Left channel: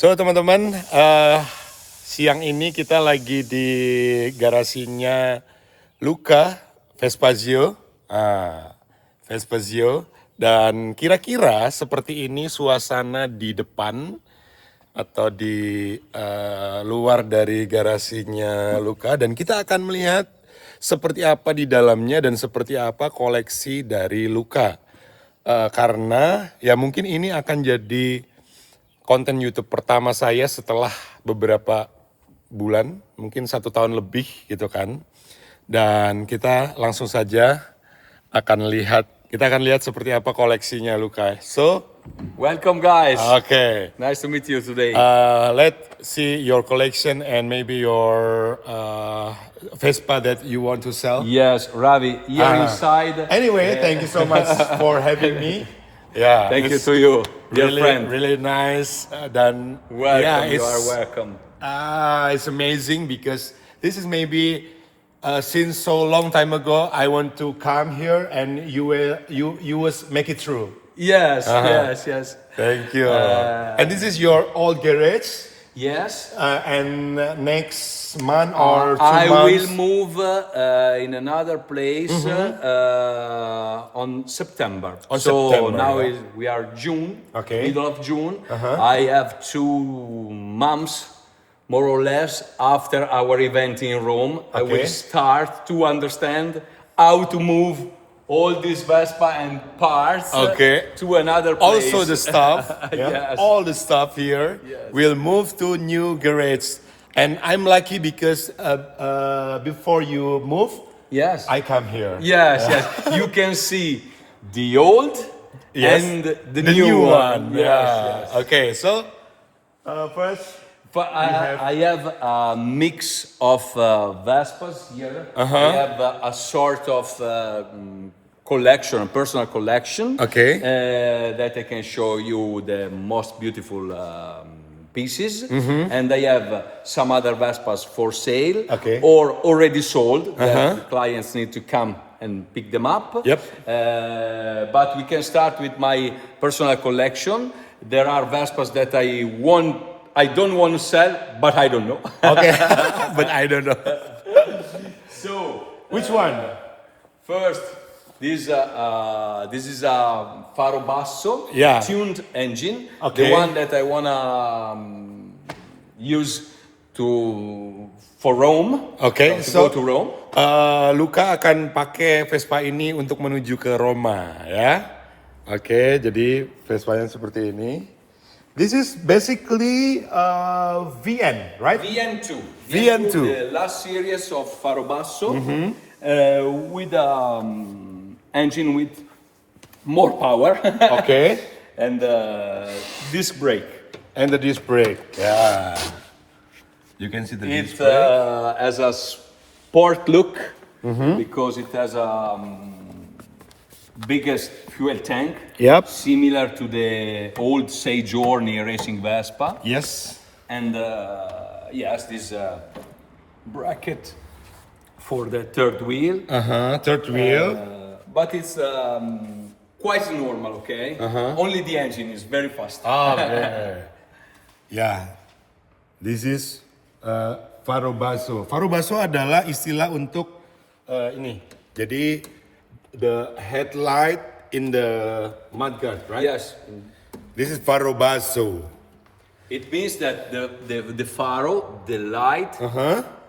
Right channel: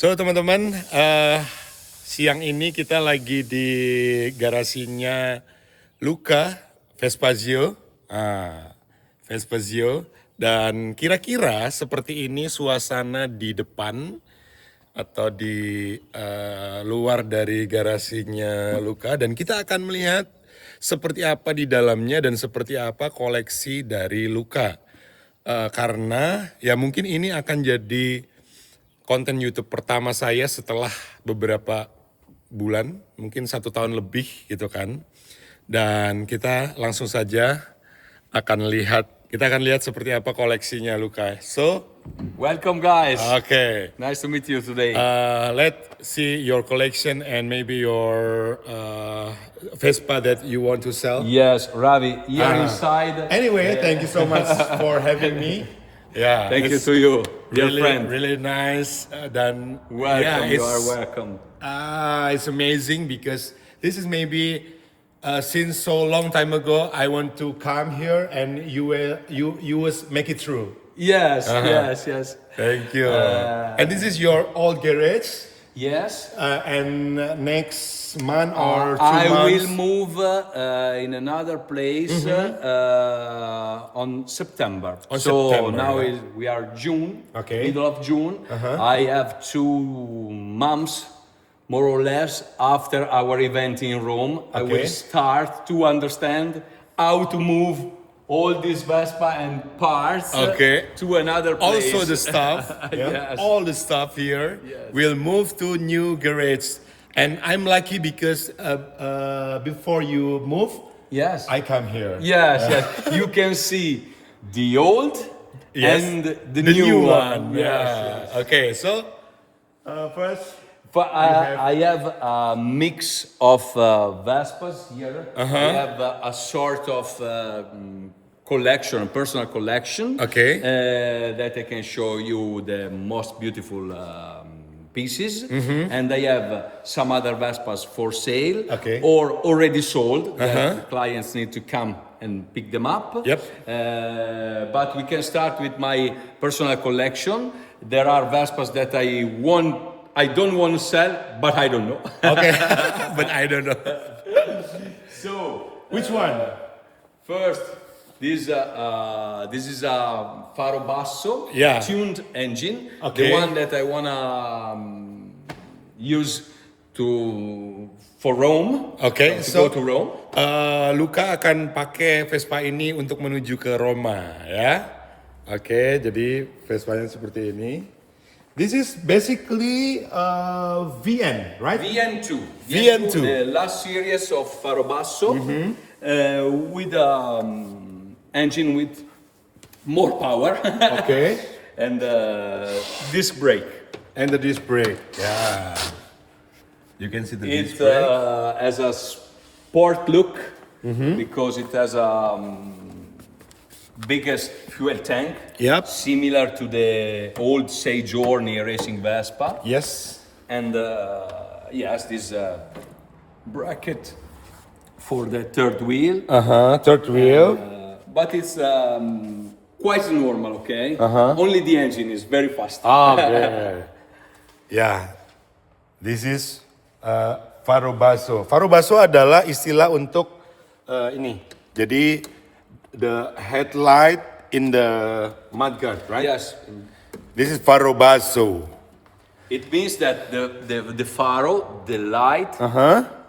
So teman-teman, siang ini kita lagi di garasinya Luca Vespazio, Vespazio, dan kira-kira seperti ini suasana di depan atau di luar dari garasinya Luca, dan kita akan melihat seperti apa di dalamnya dan seperti apa koleksi dari Luca. Karena ya mungkin ini akan jadi konten YouTube pertama saya setelah beberapa bulan, mungkin 1 tahun lebih gitu kan. Dan kita langsung saja kita akan lihat seperti apa koleksinya Luca. So, Welcome, guys. okay, Nice to meet you today. let's see your collection and maybe your Vespa that you want to sell. Yes, Ravi, here inside. Anyway, thank you so much for having me. Yeah, Thank you it's to you, dear really, friend. really nice. Dan Welcome, yeah, you are welcome. It's amazing because this is maybe since so long time ago I want to come here and you was make it true. Yes, yes. Thank you. And this is your old garage. Yes. And next month or 2 I months. will move in another place on September. On so September, now yeah. we are June, Okay. middle of June. I have 2 months, more or less, after our event in Rome. I will Okay. start to understand how to move all these Vespa and parts Okay. to another place. Also the stuff, Yes. all the stuff here will move to new garage. And I'm lucky because before you move, Yes. I come here. Yes. You can see the old Yes. and the new one. Yeah. Okay, so first, But I have a mix of Vespas here. I have a sort of collection, personal collection. Okay. That I can show you the most beautiful pieces. And I have some other Vespas for sale Okay. or already sold that the clients need to come and pick them up. Yep. But we can start with my personal collection. There are Vespas that I don't want to sell, but I don't know. okay, but I don't know. So, Which one? first, this is a Faro Basso Yeah. tuned engine. Okay. The one that I wanna use for Rome. Okay, to so go to Rome. Luca akan pakai Vespa ini untuk menuju ke Roma, ya. Oke, jadi Vespanya seperti ini. This is basically VN, right? VN2. VN2. The last series of Faro Basso with engine with more power Okay, and disc brake. and the disc brake. Yeah, you can see the It disc brake. has a sport look because it has a biggest fuel tank. Yep. Similar to the old Say Journey racing Vespa. Yes. And yes, this bracket for the third wheel. Third wheel. But it's quite normal, okay? Only the engine is very fast. Okay. Ya, this is Faro Basso. Faro Basso adalah istilah untuk ini. Jadi the headlight in the mudguard, right? Yes. This is Faro Basso. It means that the faro, the light,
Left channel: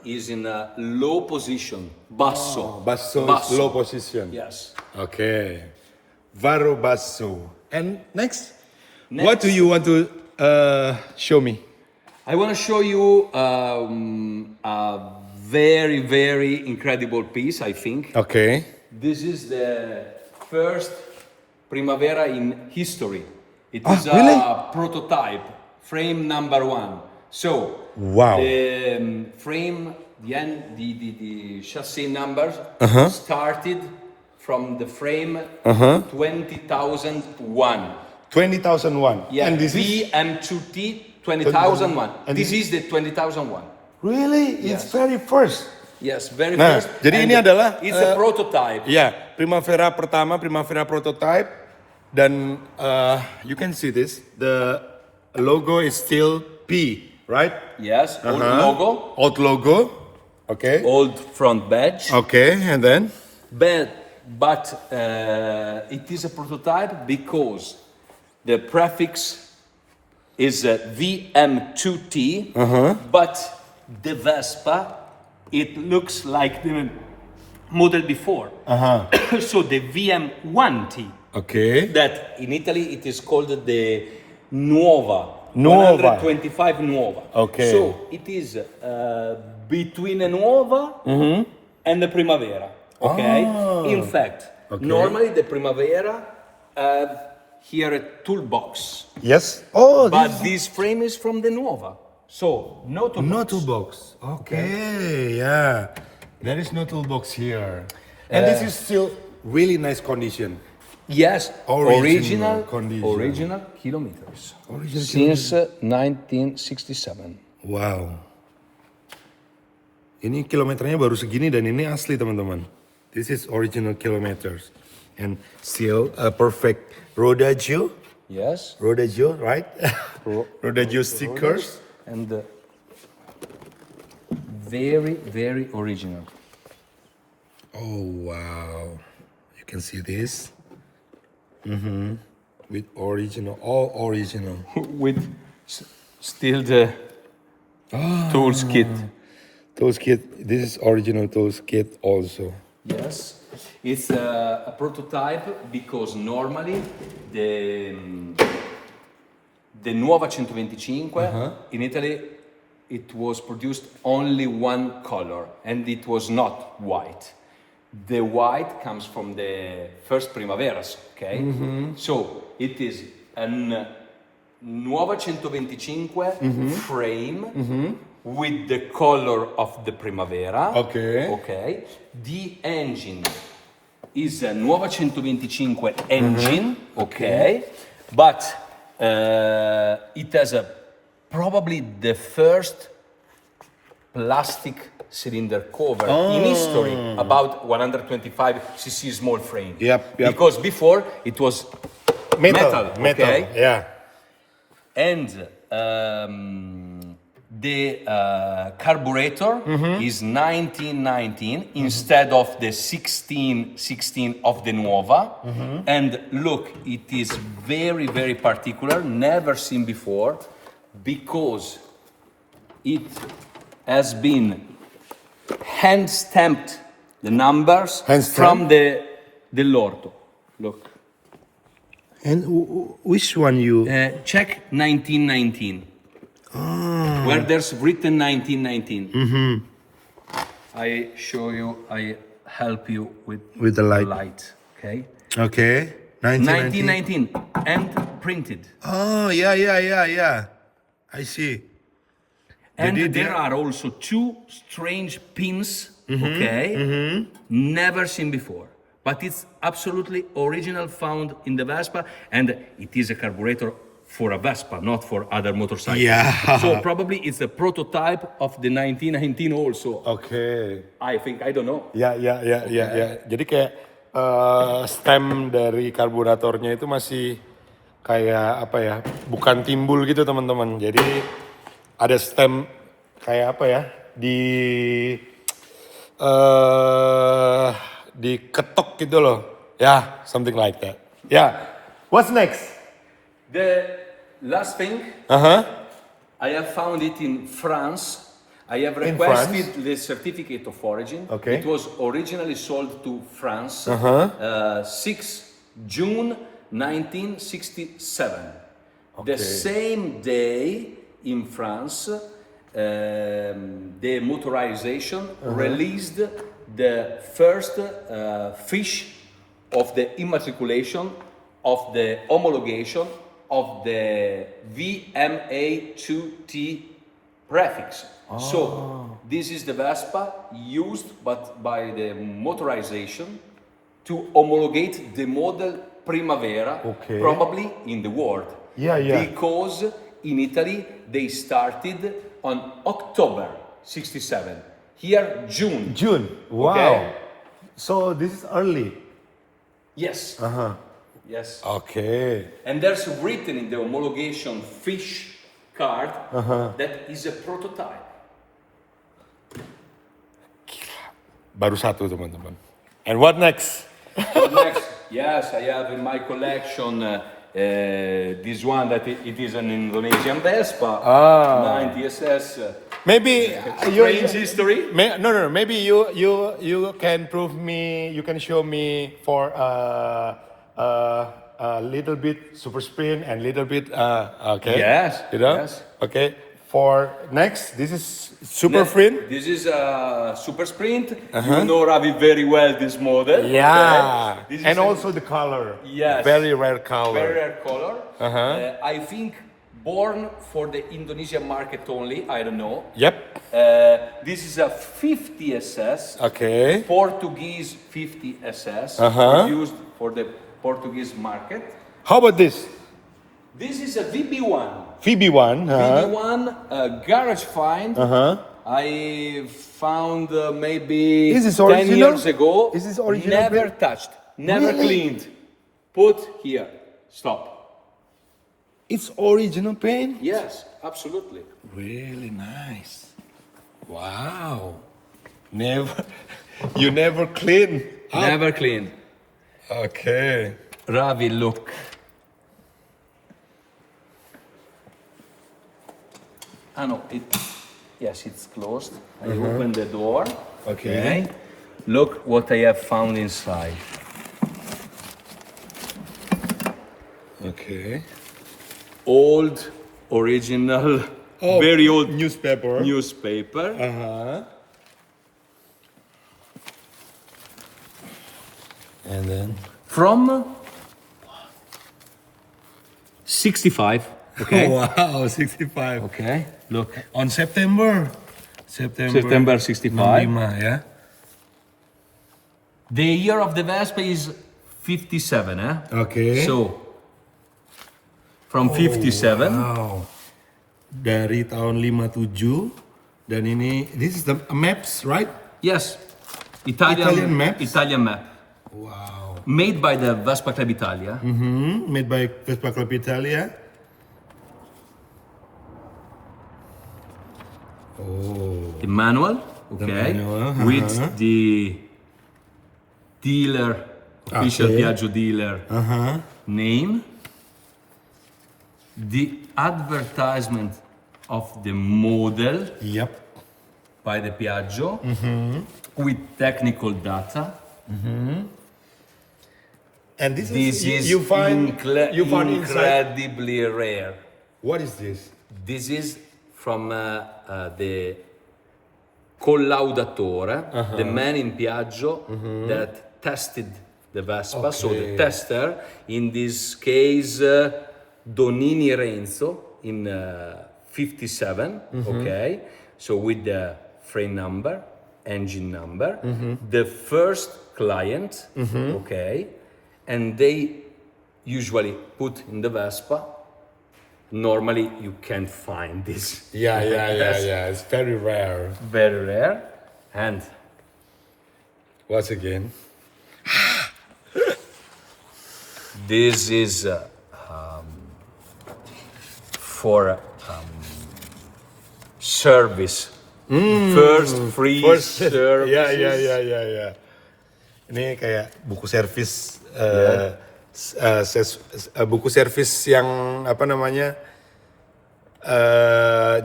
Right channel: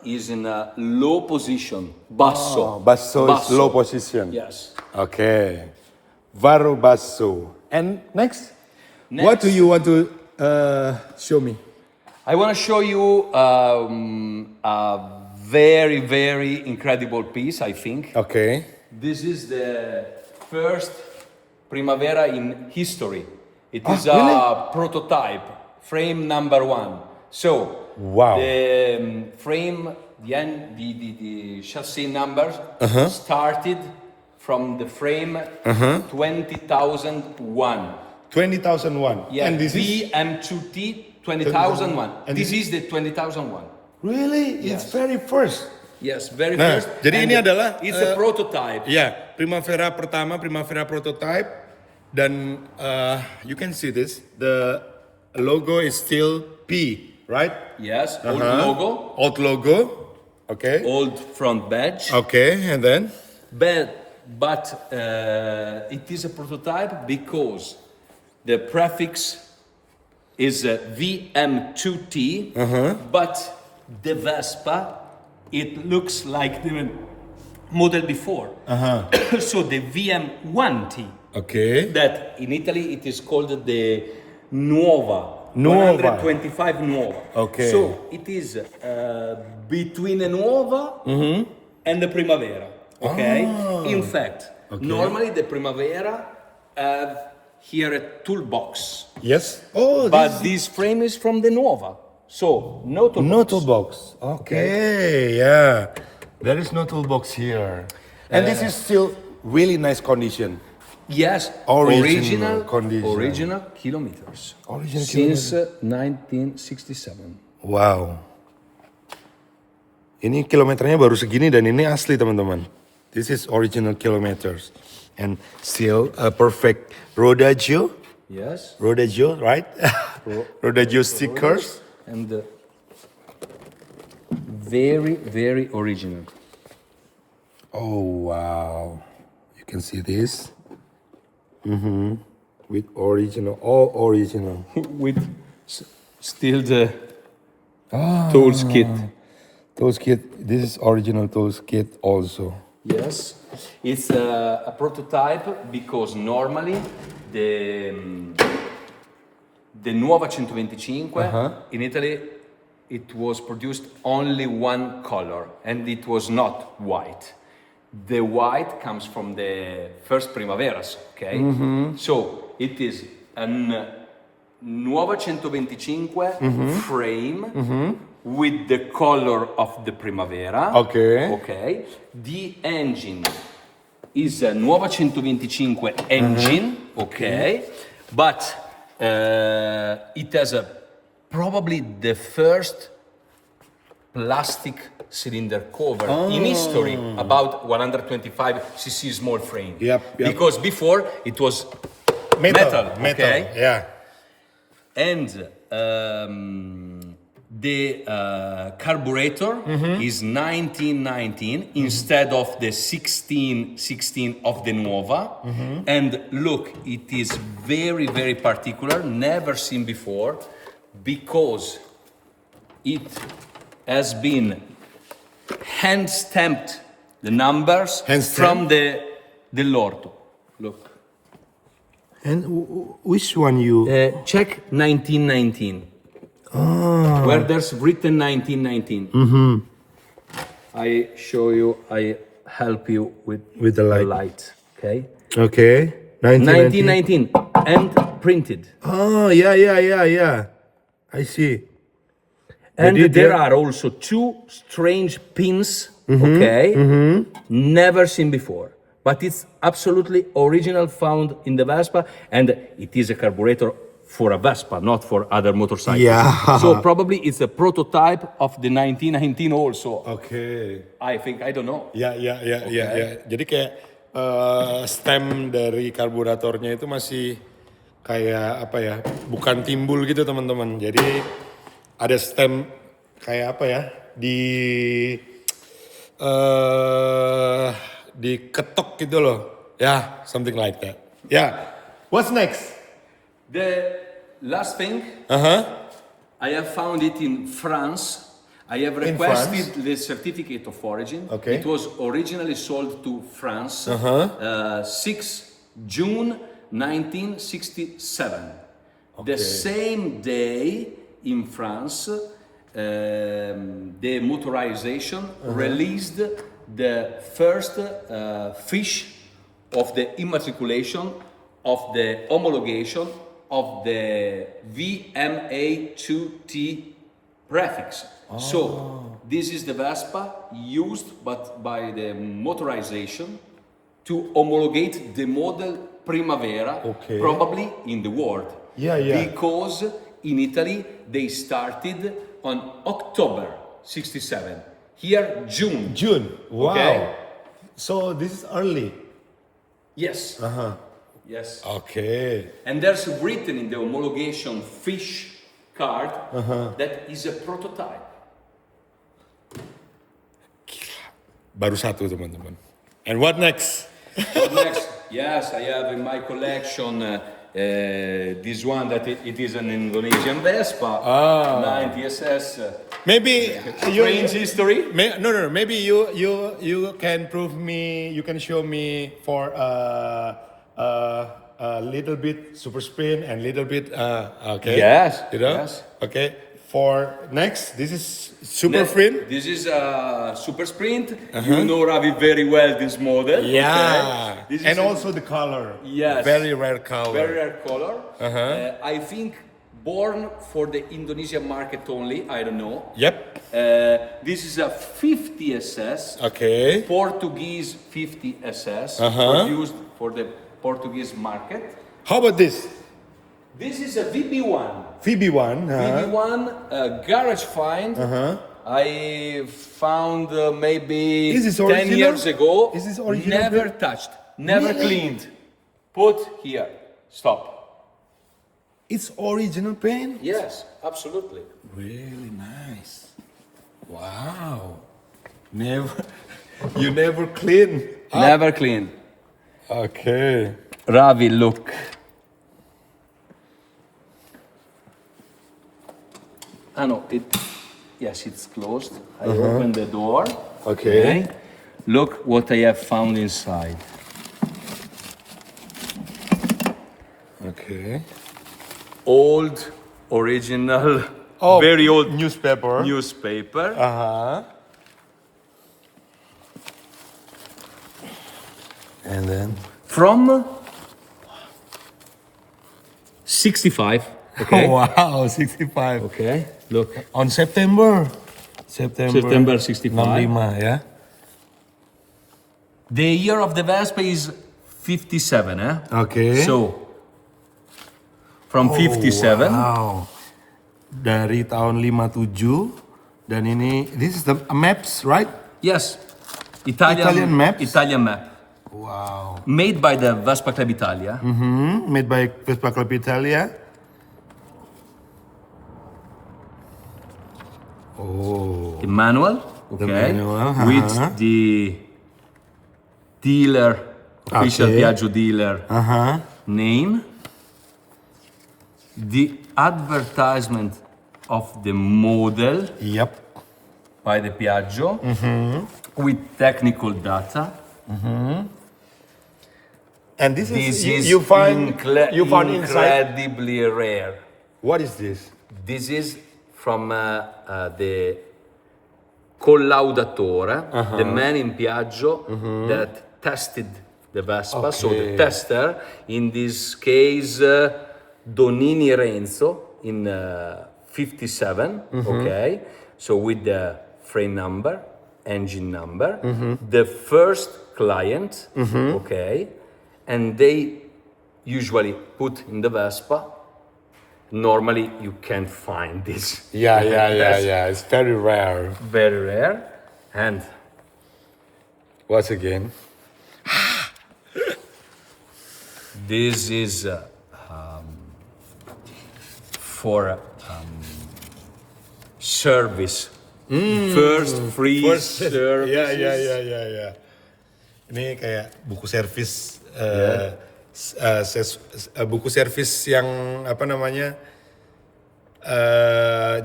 is in a low position. Basso. Basso is low position. Yes. Okay. Faro Basso. And next, Next. what do you want to show me? I want to show you a very, very incredible piece, I think. Okay. This is the first Primavera in history. It is really? a prototype, frame number 1. So, Wow. the frame, the chassis numbers started from the frame 20,001. 20,001. Yeah, And this is VM2T 20,001. And This is the 20,001. really, it's very first. Yes, very Nah, first. jadi And ini adalah, it's a prototype. Ya, Primavera pertama, Primavera prototype, dan you can see this. The logo is still P, right? Yes, old Uh-huh. logo, Old logo. Okay. old front badge. Okay, and then? But it is a prototype because the prefix is VM2T, but the Vespa, it looks like the model before. So the VM1T, Okay. that in Italy it is called the Nuova. Nuova. 125 Nuova. Okay. So it is between a Nuova and the Primavera. Okay. In fact, normally the Primavera have here a toolbox, Yes. Oh, but this frame is from the Nuova. So no toolbox. no toolbox. Okay, yeah. There is no toolbox here. And this is still really nice condition. Yes, Original condition. original kilometers. Original Since 1967. Wow. Ini kilometernya baru segini dan ini asli teman-teman. This is original kilometers. And still a perfect Rodagio. Yes. Rodagio, right? Rodagio stickers. And very, very original. Oh, wow. You can see this. With original, all original. With still the tools kit. Tools kit, this is original tools kit also. Yes. It's a prototype because normally the Nuova 125 in Italy it was produced only one color and it was not white. The white comes from the first Primaveras, okay? So it is a Nuova 125 frame with the color of the Primavera. Okay. Okay. The engine is a Nuova 125 engine, okay? But it has probably the first plastic cylinder cover in history about 125cc small frame. Yep. Because before it was metal, okay? Yeah. And the carburetor is 1919 instead of the 1616 of the Nuova. And look, it is very, very particular, never seen before, because it has been hand stamped the numbers from the Lorto. Look. And which one you? Check 1919. Where there's written 1919. I show you, I help you with the light. Okay. Okay. 1919. 1919 and printed. Oh, yeah. I see. And did, there yeah. are also two strange pins, okay, never seen before. But it's absolutely original, found in the Vespa, and it is a carburetor for a Vespa, not for other motorcycles. Yeah. So probably it's a prototype of the 1919 also. Okay. I think, I don't know. Ya. Jadi kayak stem dari karburatornya itu masih kayak apa ya? Bukan timbul gitu teman-teman. Jadi ada stem kayak apa ya? Diketok gitu loh. Ya, something like that. Ya. What's next? The last thing, I have found it in France. I have requested the certificate of origin. Okay. It was originally sold to France 6 June 1967. The same day in France, the motorization released the first fiche of the immatriculation of the homologation of the VMA2T prefix. So this is the Vespa used but by the motorization to homologate the model Primavera, probably in the world. Yeah. Because in Italy they started on October 67. Here June. Wow. Okay. So this is early. Yes. Yes. Okay. And there's written in the homologation fiche card that is a prototype. Baru satu teman-teman. And what next? So next, yes, I have in my collection this one that it is an Indonesian Vespa, 90 SS. Maybe Strange history. no. Maybe you can prove me. You can show me for a little bit super spin and little bit. Okay. Yes, You know. yes. Okay. For next, this is super sprint. This is a Super Sprint. You know Ravi very well this model. Yeah. Okay? This is And a also the color. Yes. Very rare color. very rare color. I think born for the Indonesian market only. I don't know. Yep. This is a 50 SS. Okay. Portuguese 50 SS. Uh-huh. Produced for the Portuguese market. How about this? This is a VB1. VB1. VB1 garage find. I found maybe Is this 10 original? years ago. Is this original Never build? touched, never Really? cleaned. Put here. Stop. It's original paint. Yes, absolutely. Really nice. Wow. Never. You never clean. Never cleaned. Okay. Ravi, look. Ah no, yes, it's closed. I open the door. Okay. Look what I have found inside. Okay. Old, original, very old newspaper. newspaper. And then. From 65. Okay. Wow, 65. Okay. Look. On September. September 65. 65 ya. The year of the Vespa is 57, eh? Okay. So, from 57. Wow. Dari tahun 57 dan ini this is the maps, right? Yes. Italian maps? Italian map. Wow. Made by the Vespa Club Italia. Made by Vespa Club Italia. Oh. The manual, okay, manual, with the dealer, official Okay. Piaggio dealer name, the advertisement of the model Yep. by the Piaggio with technical data. And this This is is you find inside. incredibly rare. What is this? This is from the collaudatore, the man in Piaggio that tested the Vespa. So the tester, in this case, Donini Renzo in 57, okay? So with the frame number, engine number, the first client, okay? And they usually put in the Vespa. Normally, you can't find this. Yeah. Yes. It's very rare. Very rare. And Once again. this is for service. First free service. Ya. Ini kayak buku servis, buku servis yang apa namanya?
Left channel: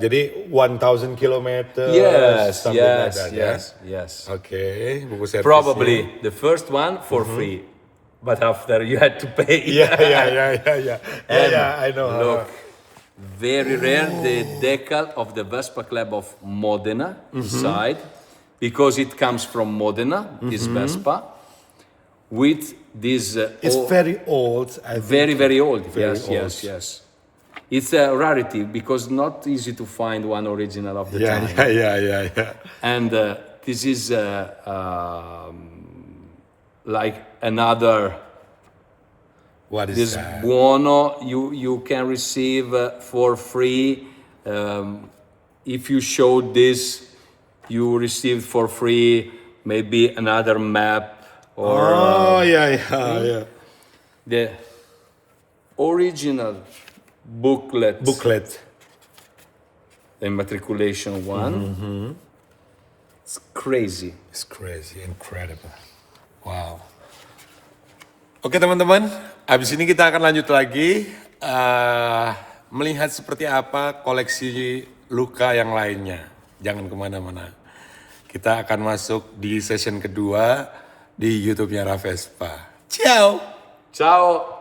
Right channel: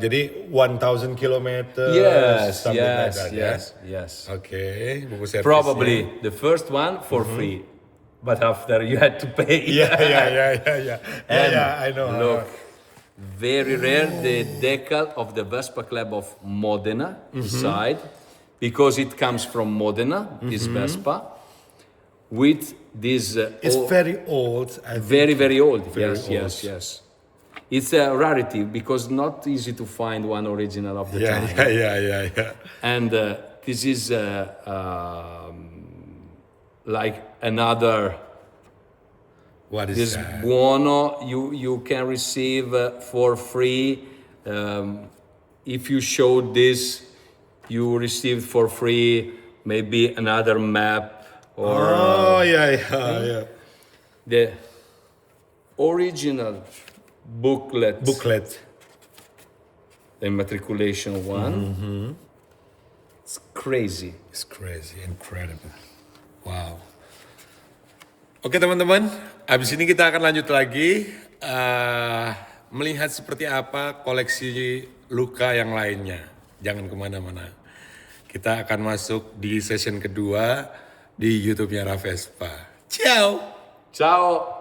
Jadi 1,000 kilometer. Yes, something like yes, that, yes, ya? yes. Oke, buku servis. Probably the first one for free, but after you had to pay. Yeah. And I know. look, very rare the decal of the Vespa Club of Modena inside, because it comes from Modena, this Vespa, with this. It's very old. I think. very, very old. Very Yes. old. It's a rarity because not easy to find one original of the time. Yeah. And this is like another. What is This that? buono you can receive for free. If you show this, you received for free maybe another map or Yeah. the original booklet. Booklet. immatriculation one. It's crazy. It's crazy, incredible. Wow. Oke teman-teman, abis ini kita akan lanjut lagi melihat seperti apa koleksi Luca yang lainnya. Jangan kemana-mana. Kita akan masuk di session kedua di YouTube-nya Ravespa. Ciao! Ciao!